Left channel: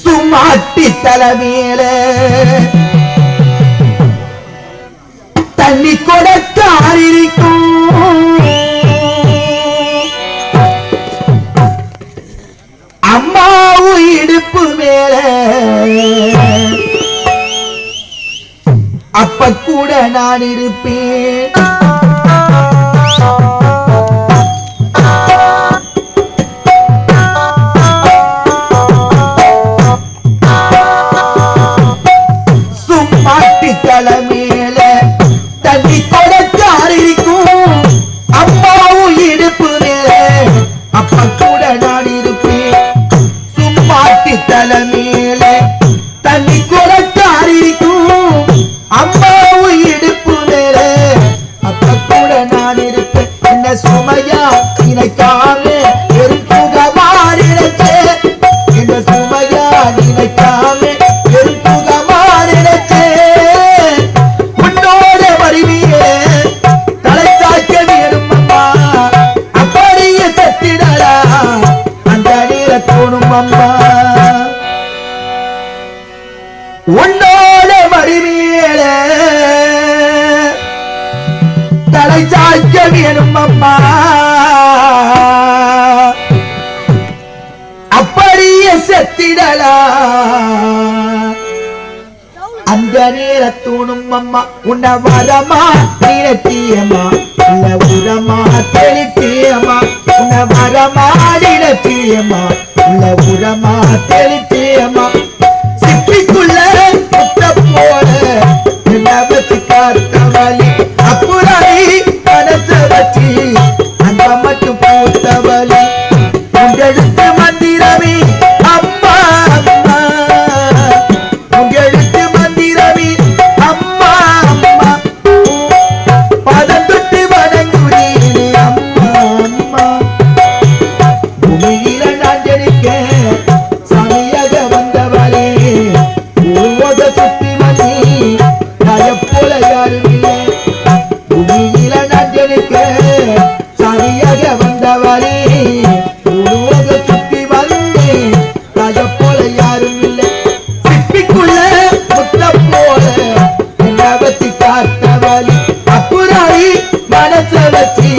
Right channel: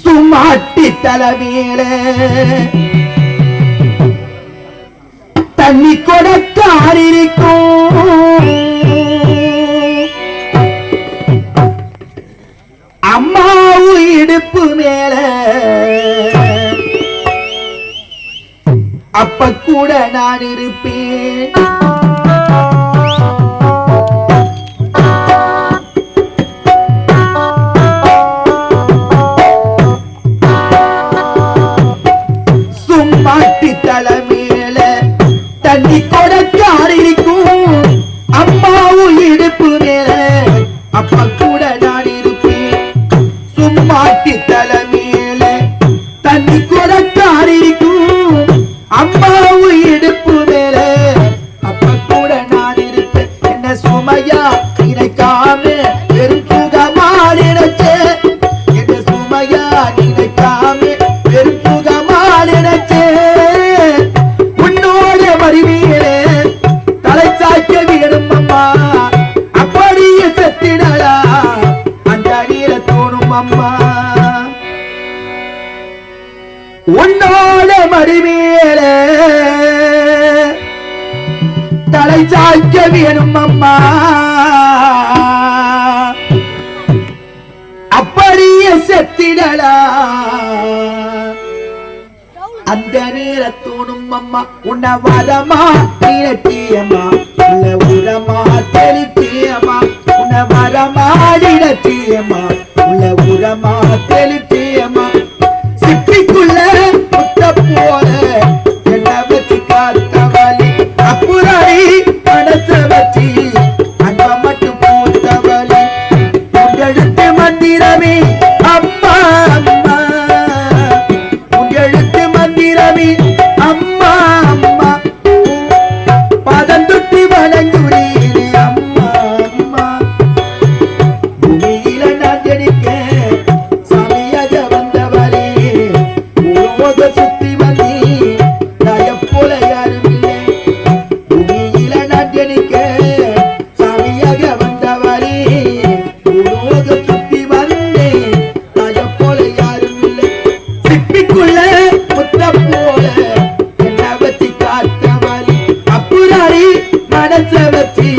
சுமாட்டி தலைமையிலே எடுத்து மரமா உன்னை மரமா நிலத்தியமா உள்ள உரமா தெளித்தியமா உன்னை மரமா நிலத்தியமா உள்ள உரமா தெளி சக்தி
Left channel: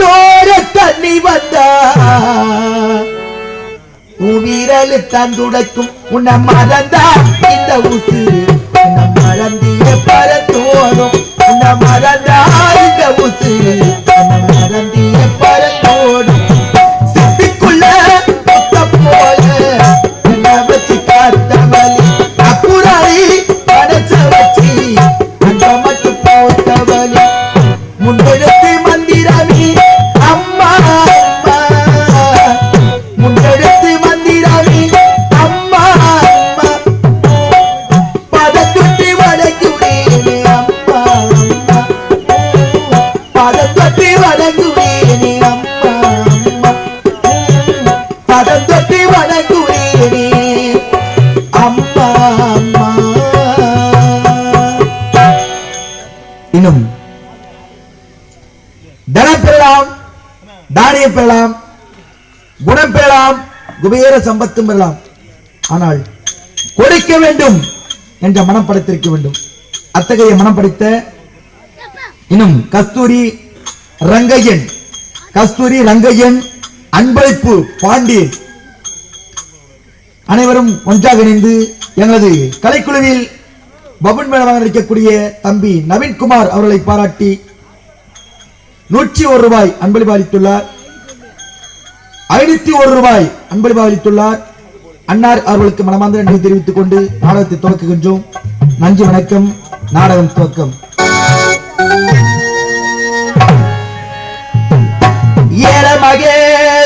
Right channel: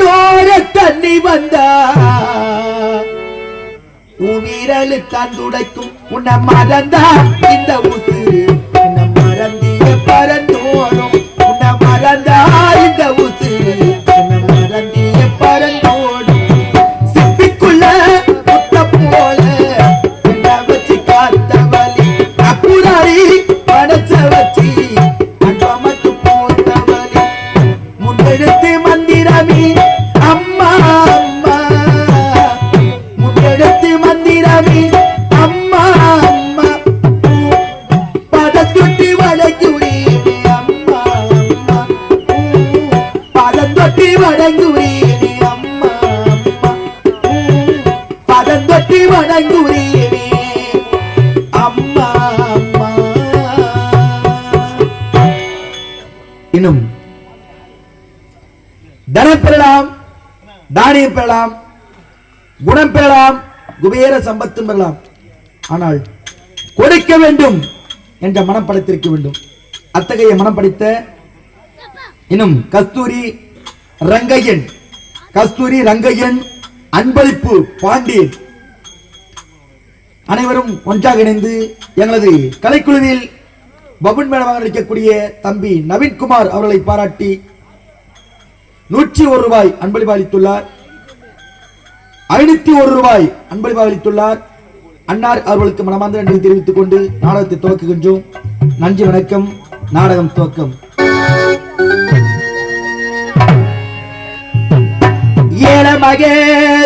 கண்ணோர தண்ணி வந்தா உயிரலு தந்துடைக்கும் உன்னை மறந்தா இந்த உசுறு உன்னை மறந்திய பறந்தோடும். உன்னை மறந்தா இந்த உசுறு இன்னும் தனம் பெறலாம் தானியம் பெறலாம் குணம் பெறலாம் குபேர சம்பத்தும் பெறலாம். ஆனால் கொடுக்க வேண்டும் என்ற மனம் படைத்திருக்க வேண்டும். அத்தகைய மனம் படைத்த இன்னும் கஸ்தூரி ரங்கையன் கஸ்தூரி ரங்கையன் அன்பளிப்பு பாண்டி அனைவரும் ஒன்றாக இணைந்து எங்களது கலைக்குழுவில் பபுன் மேடமாக நடிக்கக்கூடிய தம்பி நவீன்குமார் அவர்களை பாராட்டி நூற்றி ஒரு ரூபாய் அன்பளிப்பு அளித்துள்ளார். ஐநூத்தி ஒரு ரூபாய் அன்பளிப்பு அளித்துள்ளார். அன்னார் அவர்களுக்கு மனமார்ந்த நன்றி தெரிவித்துக் கொண்டு நாடகத்தை துவக்குகின்றோம். நன்றி வணக்கம். நாடகம் துவக்கம். ஏல மகே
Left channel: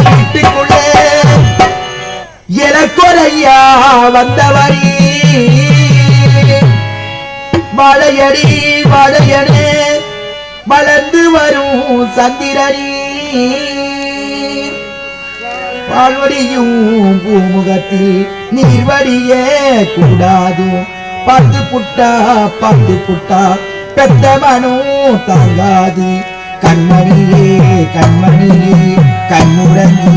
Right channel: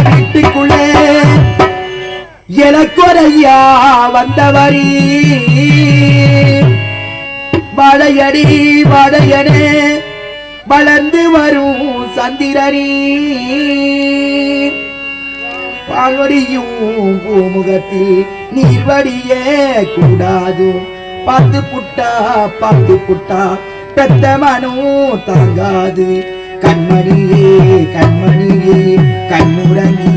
வீட்டுக்குள்ளே எனக்கொரையா வந்தவரி. வரும் சந்திரனி. பால்வடியும் பூமுகத்தில் நீர்வடியே கூடாது. பந்து புட்டா பந்து புட்டா பெத்த மனம் தாங்காது. கண்மணியே கண்மணியே கண்முறங்கி